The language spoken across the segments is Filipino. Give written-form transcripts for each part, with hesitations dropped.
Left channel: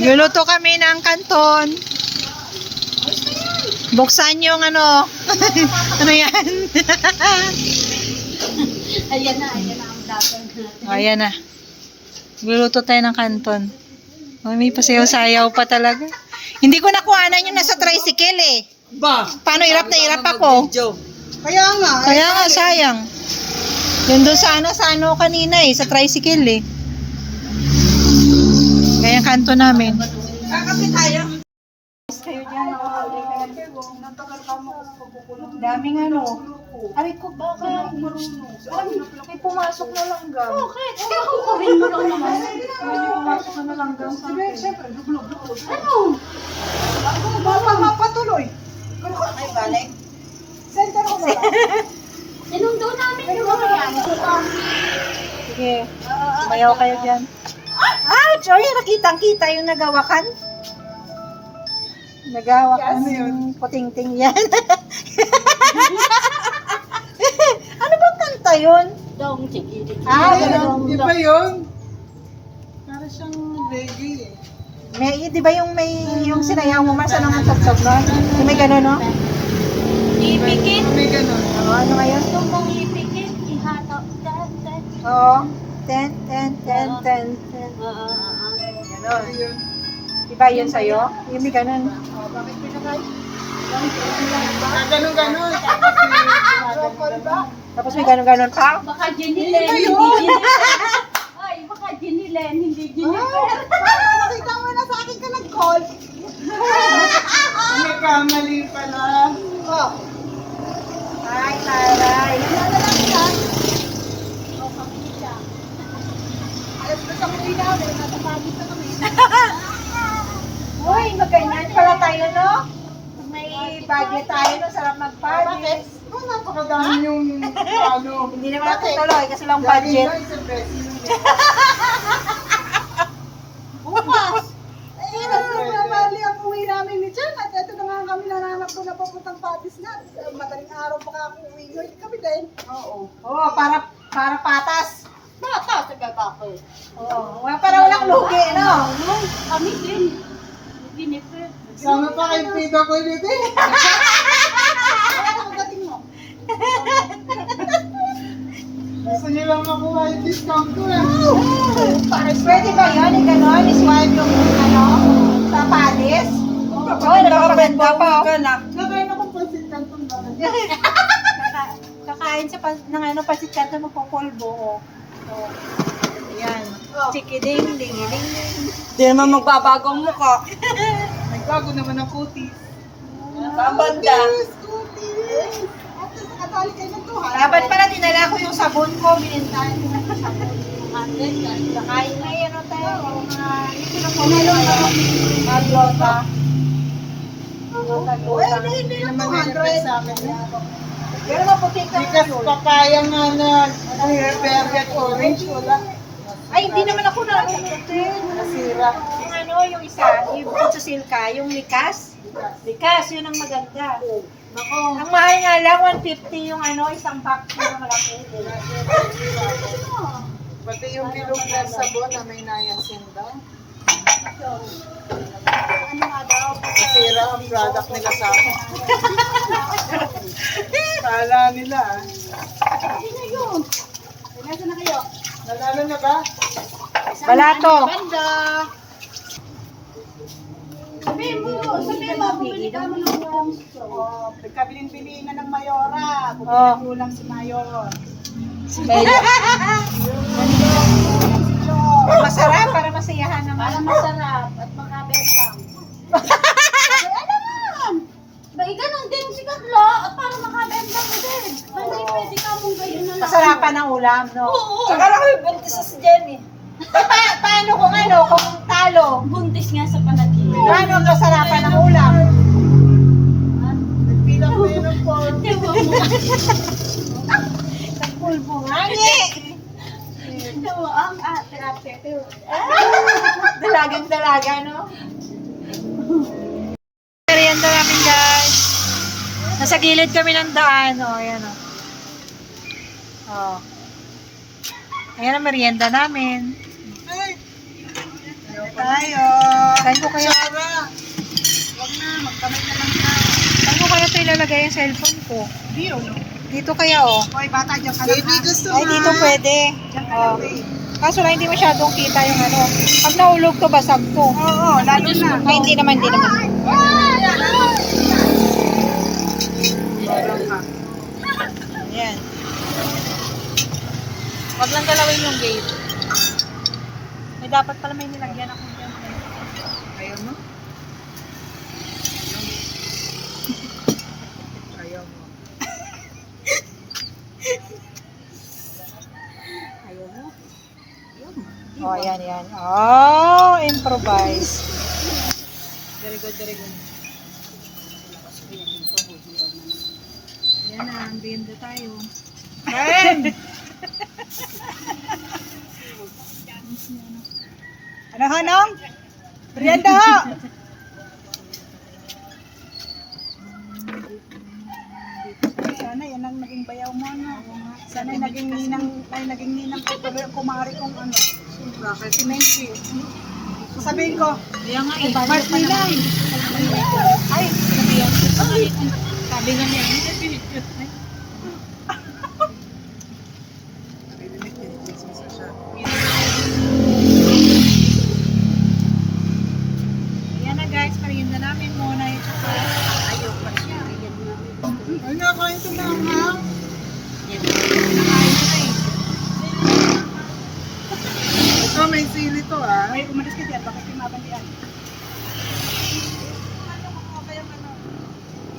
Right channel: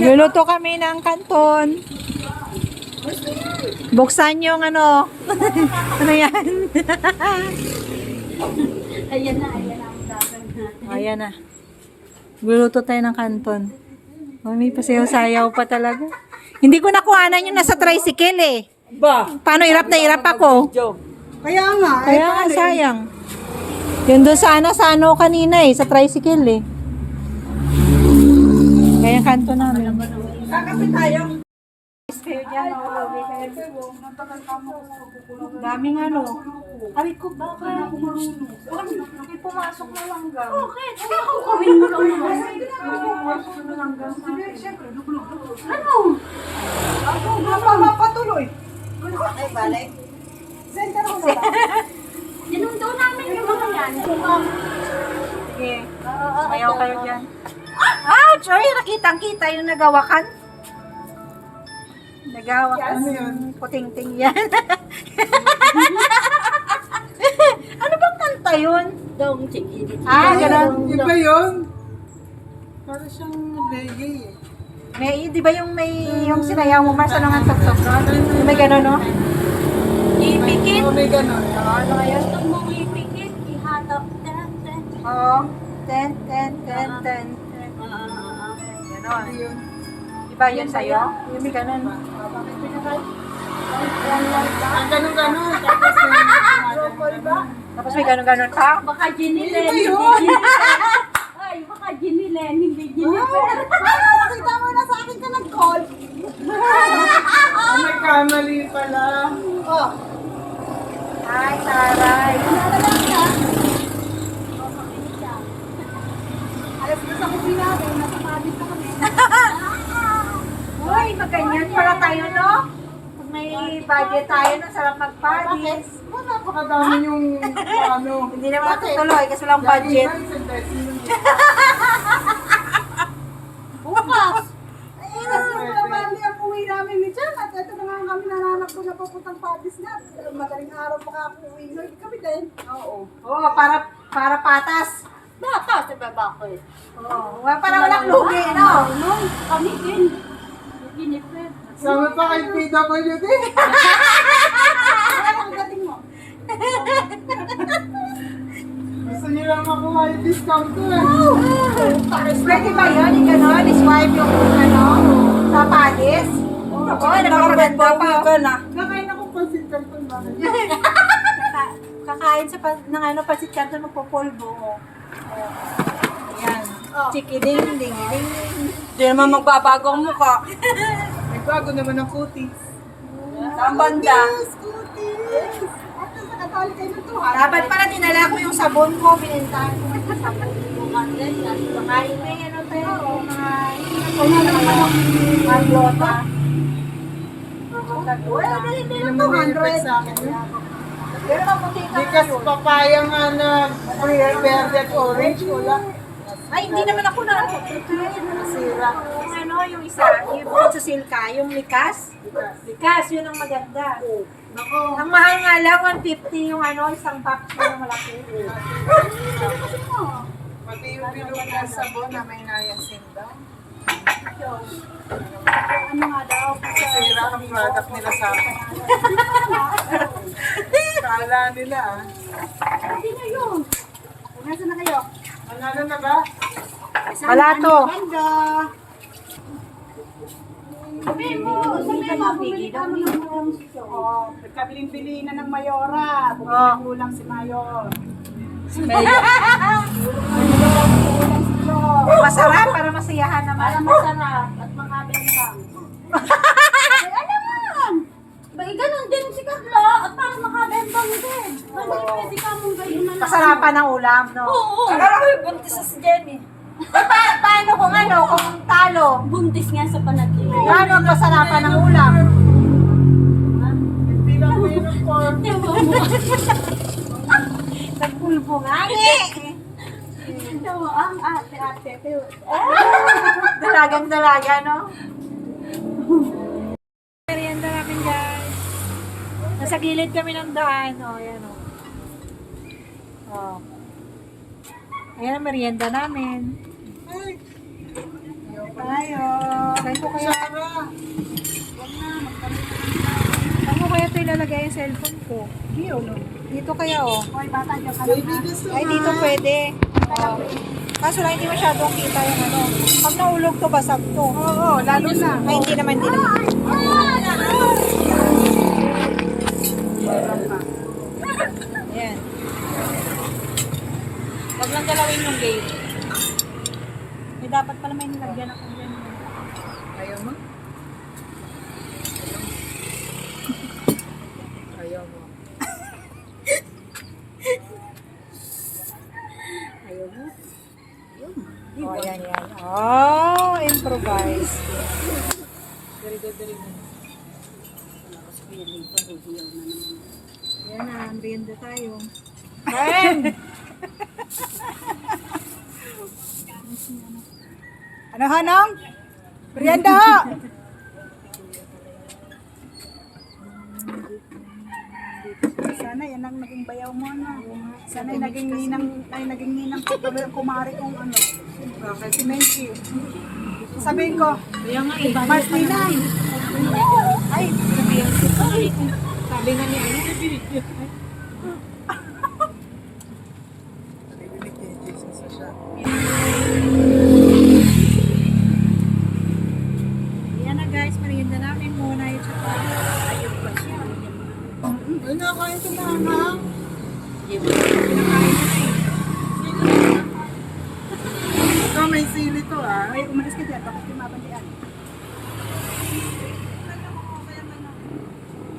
Luluto kami ng kanton. Buksan yung ano. Ano yan? Ayan na ang dagan. Ayan na. Luluto tayo ng kanton. Oh, may pasayaw-sayaw pa talaga. Hindi ko nakuhanan yung nasa tricycle eh. Ba? Paano hirap na hirap ako? Kaya nga. Kaya nga sayang. Yun doon sana sa ano kanina eh, sa tricycle eh. Kaya yung kanto namin. Kakapit tayo. Kayo dyan, daming ano. Aray ko baka may pumasok na langgam. Bakit? Hindi ako kuhin mo lang naman. Pumasok na langgam sa akin. Siyempre, duglog. Ano? Ako, mapatuloy. Kung ka kayo balik? Center ko na lang. Sinundo namin yung mga yan. Sige, mayaw kayo dyan. Ouch! Ay, nakitang-kita yung nagawakan. Nagawakan. Ano yun? Puting-ting yan. Ano bang kanta yun? Dong, sige. Ganun. Iba yun. Para siyang reggae eh. May, di ba yung yung sinayaw mo, Mars, anong ang tugtog, no? Yung may gano'n, no? Ipikit. May ganon. Oo, ano ngayon? Tumbong ipikit. Ihatak. Oo. Ten. Ganon. Ano yun? Diba yun sa'yo? Yung may gano'n. Bakit pinakay? Ganon. Tapos may broccoli ba? Tapos may gano'n pa? Baka ginilen. Ano Hindi yun? ginilen. Ay, baka ginilen. Hindi ginilen. Nakita mo na sa akin ka nag-call. May kamali pala. Oh. Ay, taray. Nalalang siya. O, pakinig siya. Alas ba sa kuwi namin? Nasa Paris na kami. Uy, maganyan pala tayo, no? Kung may budget tayo, no? Sarap mag-parties. Oh, napakadami yung ano. Hindi naman natutuloy kasi walang budget. Dahil isang beses yun. Bukas. Ay, nasa mga mali ang uwi namin ni Jan. At ito na nga kami nananap ko na papuntang Paris na. Madaling araw pa ako uwi. Hindi kami din. Oo. Oo, para patas. Bata sa babako eh. Oo, para walang lugi, no? Kami din. Ginipit. Sama pa kay PWD. Ano ang dating mo? Gusto nilang makuha yung discount ko eh. Pwede ba yun? Yung gano'n? I-swipe yung ano? Sa Paris? Oo, nakapaganda pa ka na. Nakain akong pansit canton ba? Kakain sa ng ano, pasit kanto magpupulbo. Oh. Ayan. Chikiding, ding, ding, ding. Hindi naman magbabago ang mukha. Nagbago naman ang kutis. Saan banda? Kutis! At sa katali kayo ng 200. Dapat pala dinala ko yung sabon ko, binintahan ko ng sabon. Kakain may ano tayo, maglota. Glota. Hindi naman may sa akin. Pero maputi ka Because yun. papaya nga na velvet orange wala. Ay, hindi naman ako na. Nasira. Yung ano, yung isa, yung bukod sa silka, yung likas. Likas, yun ang maganda. Ang mahal nga lang, 150 yung ano, isang pack na malaki. Pati yung bilog na sabon na may niacin daw. Ano nga daw? Nasira ang product nila sa akin. Kala nila ah. Hindi na yun. Nasaan na kayo? Nalalo na ba? Balato. Banda. Sabihin mo, bumili ka mo ng ulam. Oh, nagkabilin-bili na ng Mayora. Bumili ng ulam si Mayor. Masarap para masayahan naman. Para masarap at makabentang. Ay, alam ba, ganun din si Carla at para makabentang din. Pwede ka mong gayon na lang. Masarapan ng ulam, no? Oo. Akala ko yung buntis sa si Jenny. Paano kung ano, kung talo? Buntis nga sa panaginip. Paano ang masarapan ng ulam? Pinang-pinang po. Diba mo? Sa pulbo nga, ni. Diba ang ate-ate. Dalagang-dalaga, no? Merienda namin, guys. Nasa gilid kami ng daan. O, ayan, o. O. Ayan ang merienda namin. Tayo. Saan ko kaya? Sarah! Huwag na, magkamay na lang siya. Saan ko kaya ito ilalagay yung cellphone ko? Hindi, no? Dito kaya oh. Hoy, bata, dyan ka lang. Baby, gusto Ay, dito pwede. Oh. Kaso lang hindi masyadong kita yung ano. Pag nahulog to, basag to. Oo, lalo na. Ay, hindi naman, hindi naman. Meron ka. Ayan. Huwag lang dalawin yung gate. May dapat pala may nilagyan ako dyan. Ayaw mo? Ayaw mo. Ayaw mo? Oh, ayan, yan. Oh, improvise. Very good, very good. Ayan na, merienda tayo. Kain! Ano, Hanong? Merienda ho! Sana yan ang naging bayaw mo, no? Sana naging ninang kumari kong ano. Bakit? Si Menchi. Sabihin ko, Kaya nga, eh. Mars nilang. Ay, sinabihan ko pa. Sabi nga niya, ano? Ayan na guys, merienda namin muna yung tsaka. Ay, nakain ito na ang Pinakain ko na eh. Oh, may sili to ah. Ay, umalis ka dyan. Bakit kumabandian?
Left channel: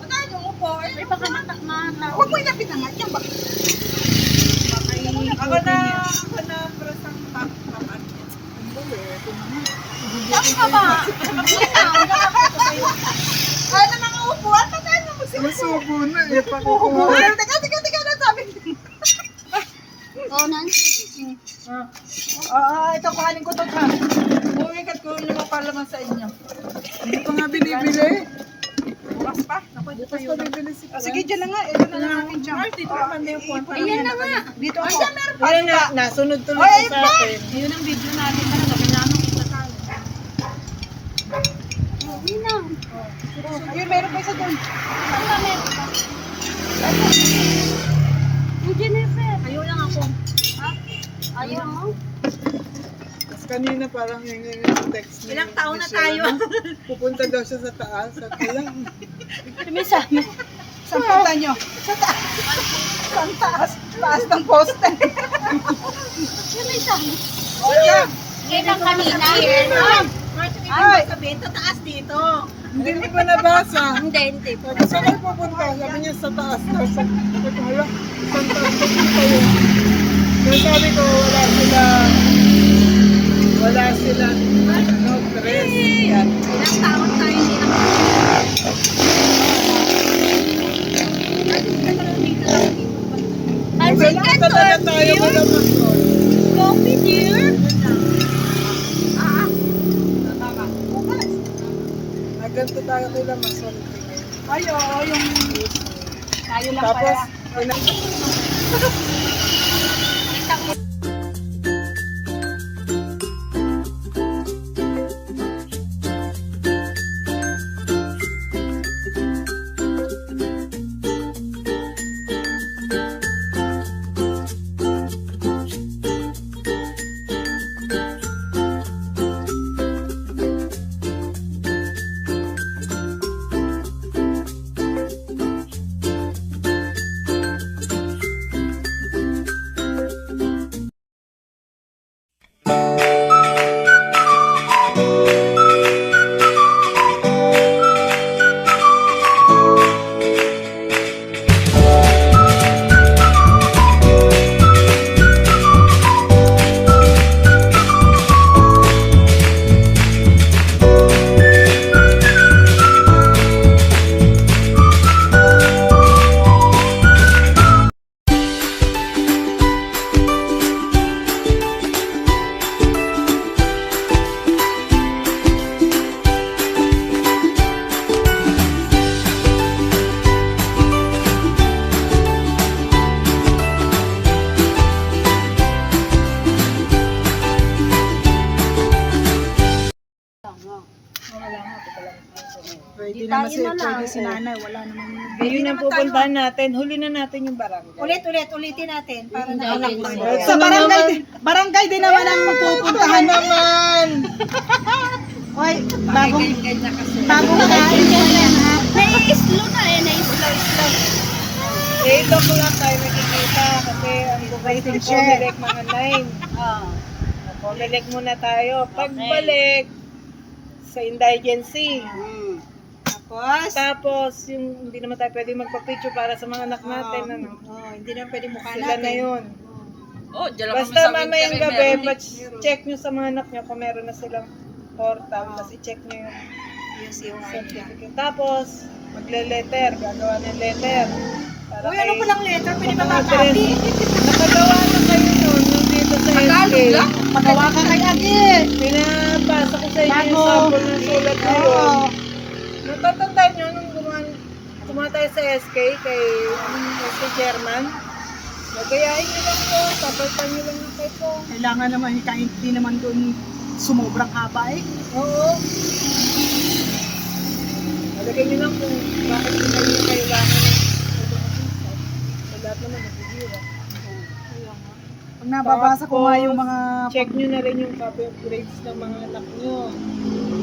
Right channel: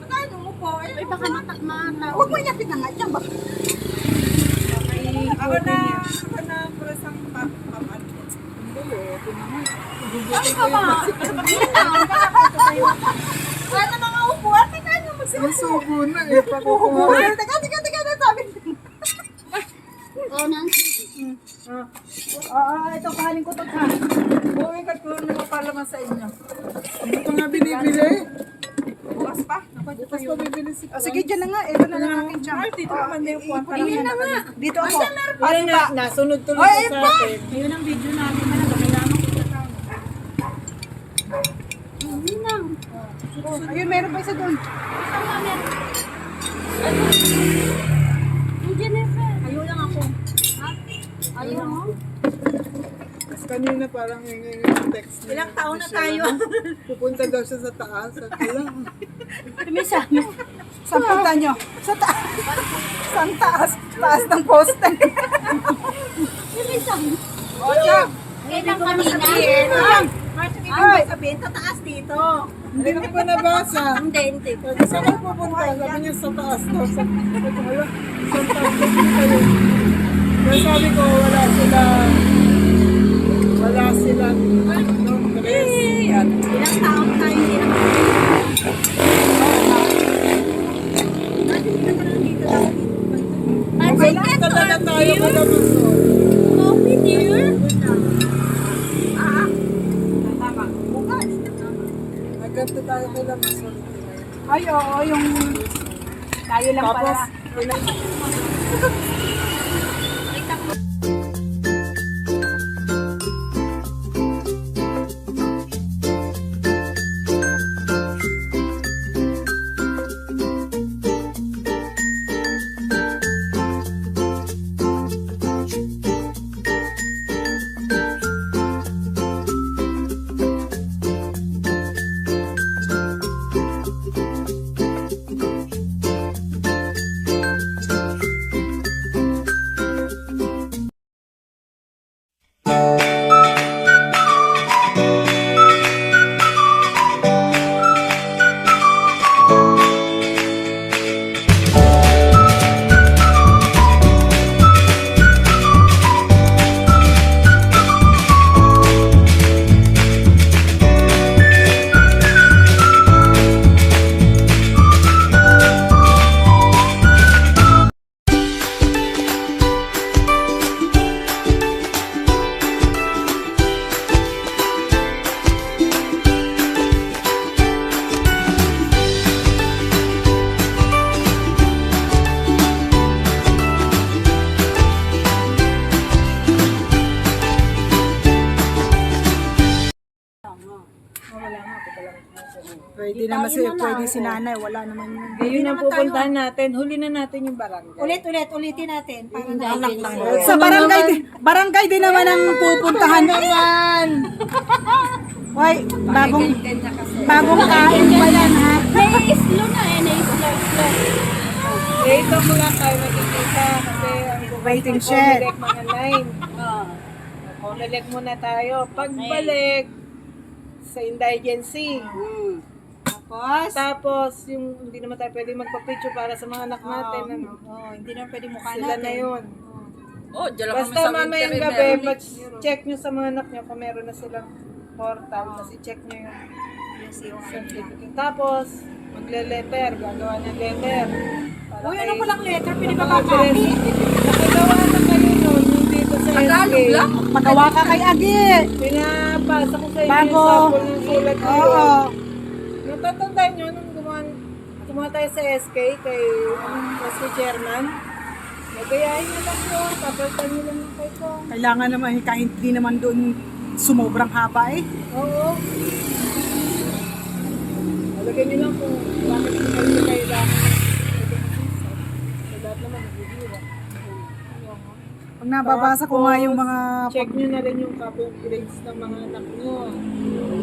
Ano mo po? Ay, baka matakmata. Huwag mo inapit na nga dyan. Bakit? Ako na brasang papaat yan. Bakit ka ba? Ay, na mga upuan. Tatayin mo Masubo na eh. Upuan. Teka na sabi. Oh, Nancy. Ito kuhanin ko to ha. Bumikat ko naman palaman sa inyo. Hindi ko nga binibili. Bukas pa. Bukas pa bibili si Sige, dyan na nga. Ito na lang akin dyan. Mars, dito ka banda yung puwan. Parang Ayan na nga. Dito ako. Wala nga, nasunod tuloy Ay, sa atin. Yun ang video natin talaga. Kailangan kita tayo. Oh, Ninang. Ayun, meron pa isa doon. Saan ba meron ka? Ni Jennifer. Ayaw lang ako. Ayaw mo? Tapos kanina parang yung text niya. Ilang taon na Michelle, tayo. ano, pupunta daw siya sa taas. At alam, Kami sa amin. Saan punta nyo? Sa taas. Saan taas? Taas ng poste. Kami sa amin. Yeah. Ngayon lang kanina. Mars, yung ibig sabihin, tataas dito. hindi ko pa nabasa. Hindi, hindi. Sabi, saan kayo pupunta? Sabi niya sa taas daw. Sabi ko, hala, saan taas daw kayo? Kaya sabi ko, wala sila, ano, Chris. Yan. Ilang taon tayo hindi nakapagod. Hindi ka lang dito lang dito. Pansin Wala ka to. talaga tayo, wala masol. Coffee, dear. Yun lang. Nagganto tayo kila masol. Ngayon. Ay, oo, yung... Tayo lang Tapos, pala. Wala nga, ito lang. Pwede naman pwede si nanay, wala naman yun. Ngayon ang pupuntahan natin, huli na natin yung barangay. Ulitin natin. Para nakalakpan. Sa barangay din naman ang pupuntahan naman. Hoy, bago makain pa yan ha. Nai-slow na eh, nai-slow. Dito ko lang tayo nakikita kasi ang Waiting pupunta shed. Comelec mga 9. Comelec muna tayo. Pagbalik sa indigency. Tapos, yung hindi naman tayo pwede magpa-picture para sa mga anak natin. Ano? Hindi na pwede mukha Sila na natin. yun. Basta mamayang gabi, check nyo sa mga anak nyo kung meron na silang portal. Tapos i-check nyo yung certificate. Tapos, magle-letter. Gagawa ng letter. Para Uy, kay- ano palang letter? Pwede ba mga makapi? address. Nakagawa na kayo nun, yung dito sa SK. Magawa ka kay Agi. Pinapasa ko sa inyo yung Bago. sample ng sulat na yun. Natatandaan nyo nung gumawa tayo sa SK kay SK chairman. Nagayain nyo lang yun, papalitan nyo lang ng kay Kong. Kailangan naman, kahit hindi naman doon sumobrang haba eh. Oo. Alagay nyo lang kung bakit hindi kayo kailangan ng pagkakasisat. Sa lahat naman nagbibira. Pag nababasa ko nga yung mga... Check nyo na rin yung copy of grades ng mga anak nyo.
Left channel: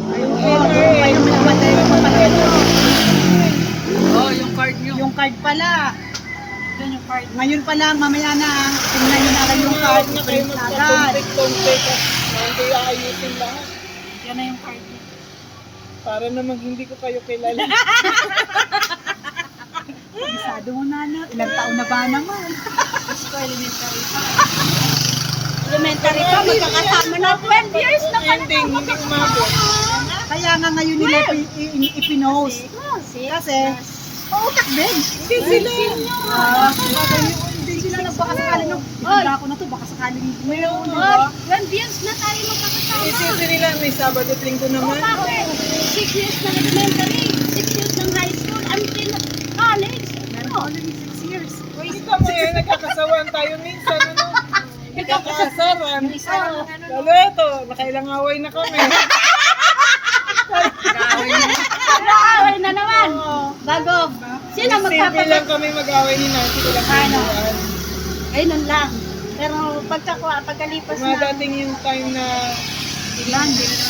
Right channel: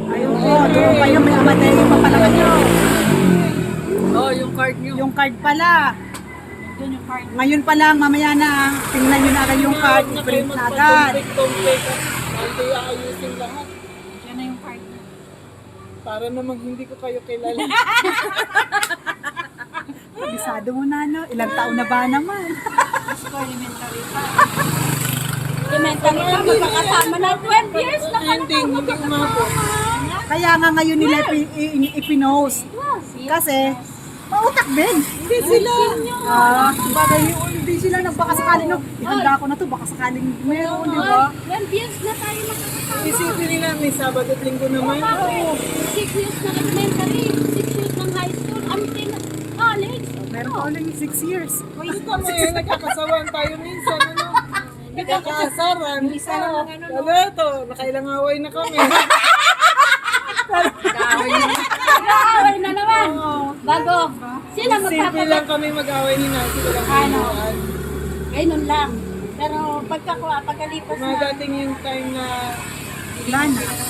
Ayun ko, kaya may namatay yung panahon. Yung card pala. Doon yung card. Ngayon pa lang, mamaya na, tingnan nyo na rin yung card. Huwag na kayo Print agad. magpatumpik-tumpik at na hindi aayusin lahat. Diyan na yung card niya. Para namang hindi ko kayo kilala. Bisado mo na, no? Ilang taon na ba naman? Gusto ko elementary pa. Elementary ka, magkakasama na 12 years na ka na. Hindi umabot. Kaya nga ngayon nila ipinost. Kasi, pautak din. Hindi sila. Hindi sila nagpakasakaling. Ihanda ko na to, baka sakaling meron, di ba? 12 years na tayo magkakasama. Isipin nila may Sabado at Linggo naman. Bakit? 6 years ng elementary, 6 years ng high school, until college. Meron ko ulit 6 years. Kita mo yan, nagkakasawaan tayo minsan. Ano? Nagkakasaran. Yung isa lang ng ano. Lalo ito, nakailang away na kami. Nag-aaway na naman. Bago. Sino Simple magpapagod? lang kami mag-away ni Nancy. Walang kailangan. Ayun lang. Pero pagkalipas na, Dumadating yung time na Malamig na.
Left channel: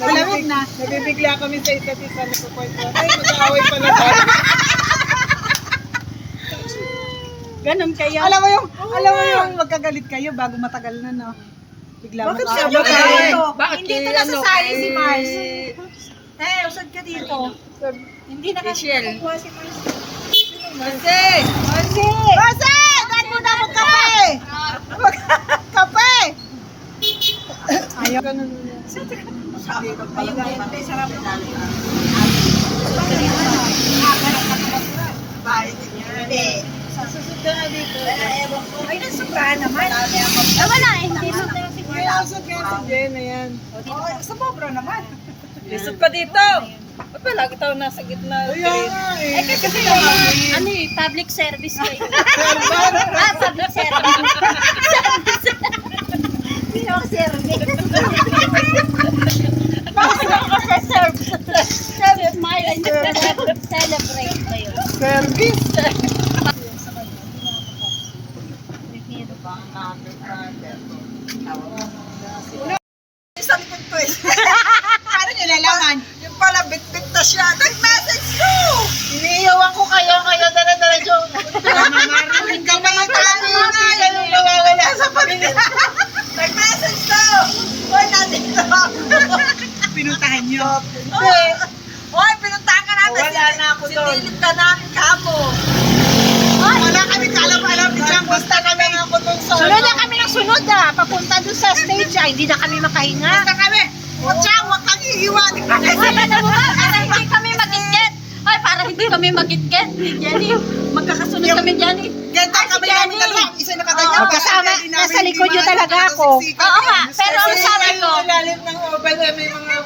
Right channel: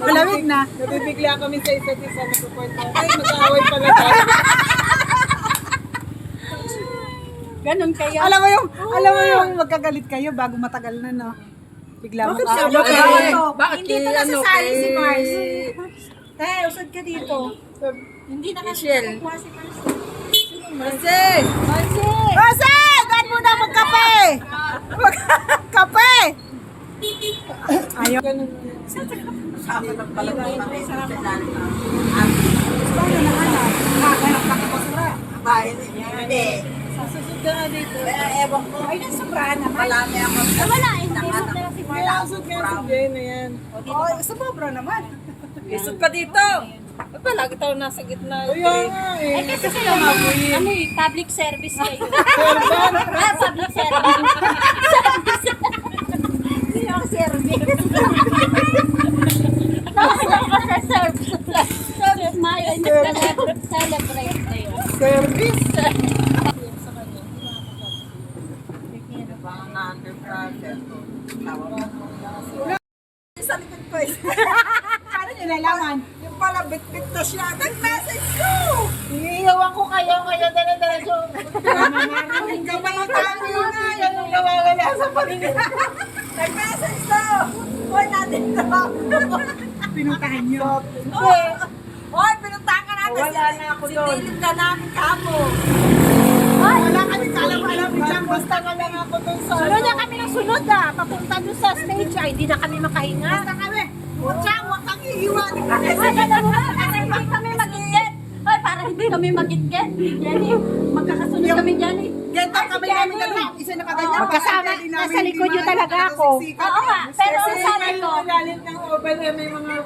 Malamig na. nabibigla kami sa isa't isa. Nagpupunta. Ay, mag-away pala tayo. ganun kayo. Alam mo yung magkagalit kayo bago matagal na, no? Bigla Bakit mo siya ba tayo? Hindi ito nasasali si Mars. Usod ka dito. Hindi nakakakuha si Mars. Kasi, Kasi! Dahil mo na magkape! Kape! Ayaw. ganun. Ayun, sarap naman. Sa susunod ka nga dito. Ay, nasobrahan naman. Wala eh. Hindi mo na si May usod nga si Jen, ayan. Sa pobra naman. Isot ka dito. Ba't ba lagi tayo nasa gitna? Kaya nga eh. kasi ano eh, public service eh. Serban. Public service. Hindi ako service. Service smile and celebrate kayo. Service. Paano nyo lalaman? Yung pala, bit-bit na siya. Nag-message ko! Iniiyawan ko kayo dala-diretso. Mamarating ka mga tao na. Yan yung nawawala sa pamilya. Nag-message daw. Hoy, natin daw. Pinuntahan nyo. Hindi. Hoy, pinuntahan ka namin. Wala na ako doon. Sinilip ka namin kamo. Wala kami kalam-alam ni Jam. Basta kami nga ako doon sa Sunod na kami ng sunod papunta doon sa stage hindi na kami makahinga. Basta kami. Watcha, huwag kang iiwan. Ay, alam mo ba, para hindi kami magitget. Ay, para hindi kami magitget. Jenny, magkakasunod kami, Jenny. Ganito kami namin dalawa. Isa nakaganyan. kasama, nasa likod nyo talaga ako. Oo nga, pero ang sabi ko, Yung ilalim ng oven na may mga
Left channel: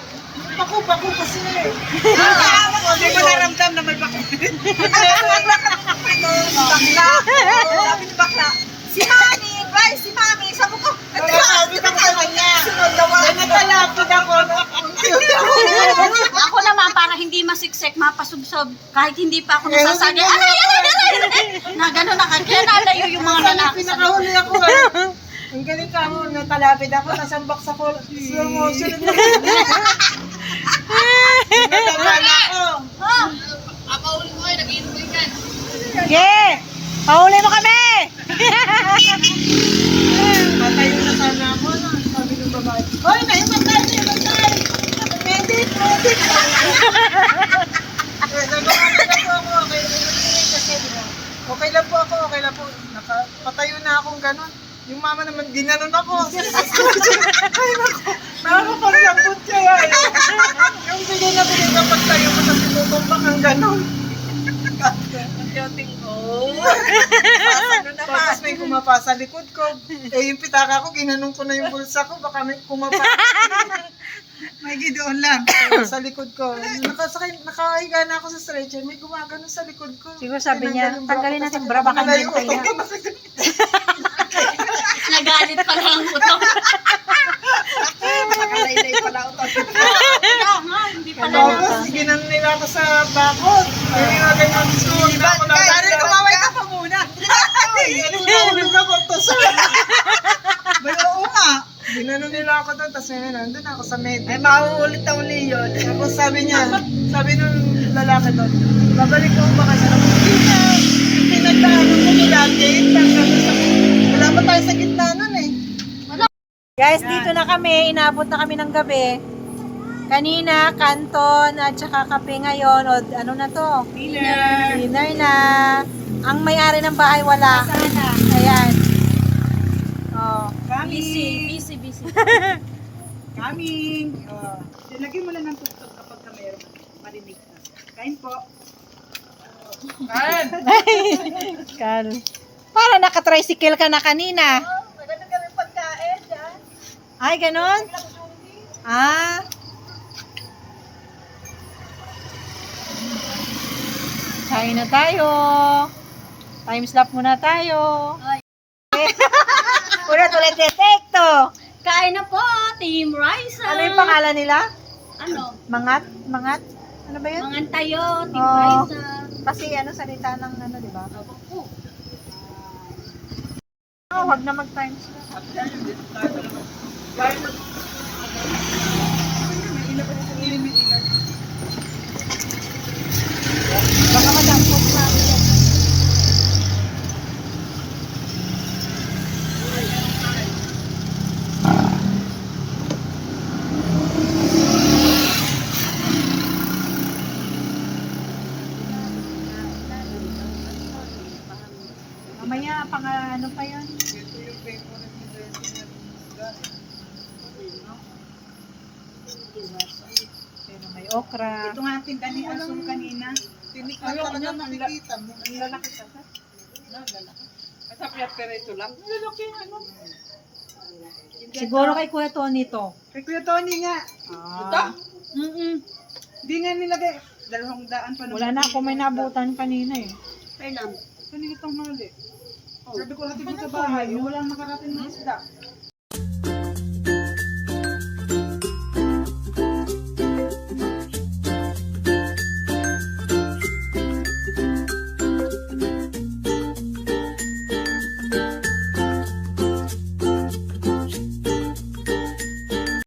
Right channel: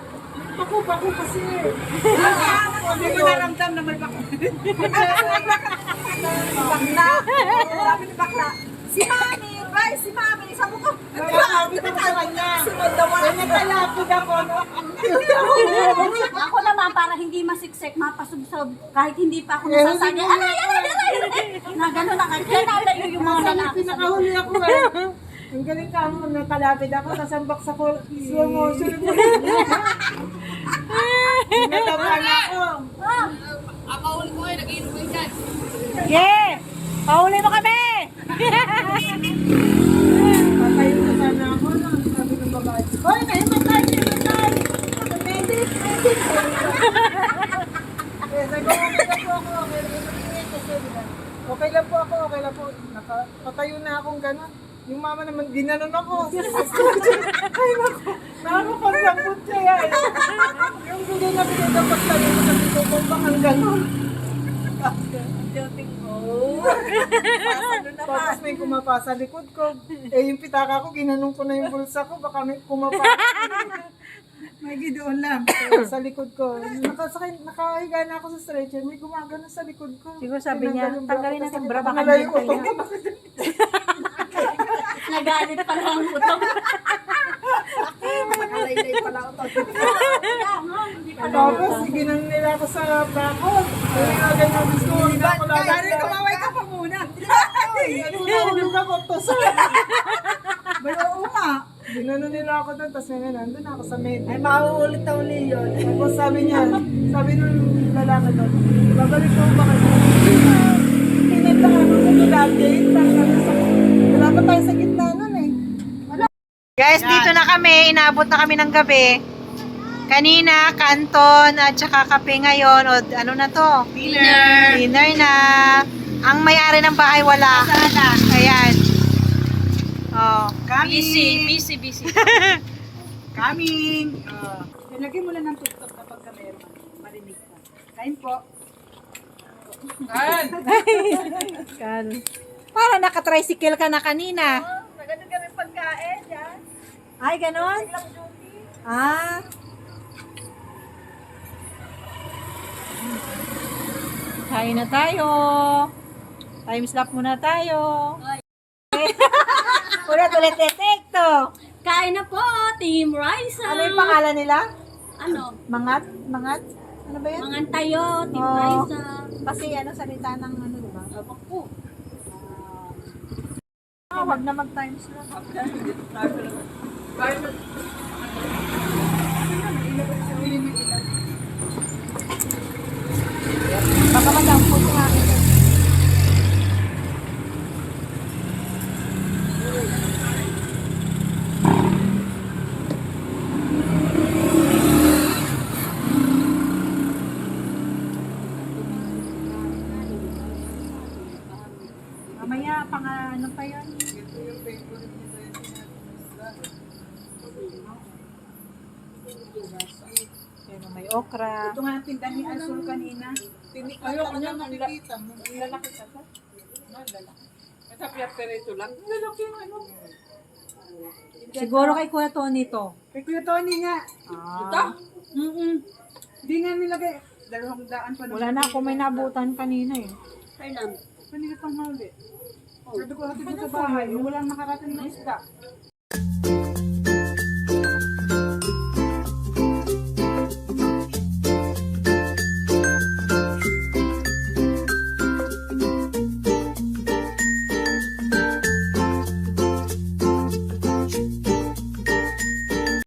paku-paku kasi eh. Hindi mo naramdam na may bakit. Bakla. Sabi ni bakla. Si Mami, Bryce, si Mami. Sabi ko, Nakakabit ako sa kanya. nakalapid ako. Ako naman, para hindi masiksik, mapasubsob, kahit hindi pa ako nasasagay, aray! Na gano'n na, kaya nalayo yung mga lalaki sa likod. Pinakahuli ako Ang galing ka mo, nakalapid ako, nasambak sa slow motion. Nataban ako. Yeah! Pauli mo kami! Patayo na sana ako. Sabi ng babae, hoy, may matay! Medit! Sabi ko, okay lang po ako, okay lang po. Patayo na akong gano'n. Yung mama naman, ginanon ako. Ay, naku. Nakakapaglampot siya. Yung bigay na bigay kapag tayo mo sa pinutumbak ang gano'n. Tapos may kumapa sa likod ko. Eh, yung pitaka ko, ginanong ko na yung bulsa ko. Baka may kumapa. May gidoon lang. Sa likod ko. Nakahiga na ako sa stretcher. May gumagano sa likod ko. Siguro sabi niya, Tinanggal yung tanggalin bra ko, natin kasi bra, baka malayo hindi ko. Nagalit pa lang ang buto. Nakalaylay pala ako. Kaya nga, hindi pala Tapos, ginanon nila ako sa bakod. Yung mga ganyan gusto ko na ako lang. Kaya rin kumaway ka pa muna. Nahulog ako to sa... Oo nga. Ginanon nila ako doon. Tapos nandun ako sa med. Ay, mauulit na uli yun. Tapos sabi nung lalaki doon, babalik ko ba kayo sa hindi na. Yung pinagdaanan ko mula gate, wala pa tayo sa gitna nun eh. Guys, dito na kami. Inaabot na kami ng gabi. Kanina, kanton at saka kape ngayon. O ano na to? Dinner. Dinner na. Ang may-ari ng bahay wala. Ayan. Oh. busy. Coming. Lagay mo lang ng tuktok kapag ka meron marinig ka. Kain po. Kal. Para naka-tricycle ka na kanina. Maganda kami pagkain yan. Ay, ganon? Ah. Kain na tayo. Time slap muna tayo. Ulit detekto. Kain na po, Team Raisa. Ano yung pangalan nila? Ano? Mangat? Ano ba yun? Mga tayo, Team Oh. Raisa. Kasi ano salita ng ano, di ba? Abak po. Oh, wag na mag-time slap. Baka madampot yung akin. Mamaya, pang ano pa yun? Ito yung favorite nito yung sinabi. Pero may okra. Ito nga ang tinda ni Azul kanina. Tinikman talaga makikita mo. Lalaki ka sa? Lalaki. Masapyat pero ito lang. Lalaki yung ano. Siguro kay Kuya Tony to. Kay Kuya Tony nga. Ito? Di nga nilagay. 200 pa naman. Wala na ako may nabutan kanina eh. Fernand. Kanina itong hali. Sabi ko hatid ko sa bahay. Walang nakarating na isda.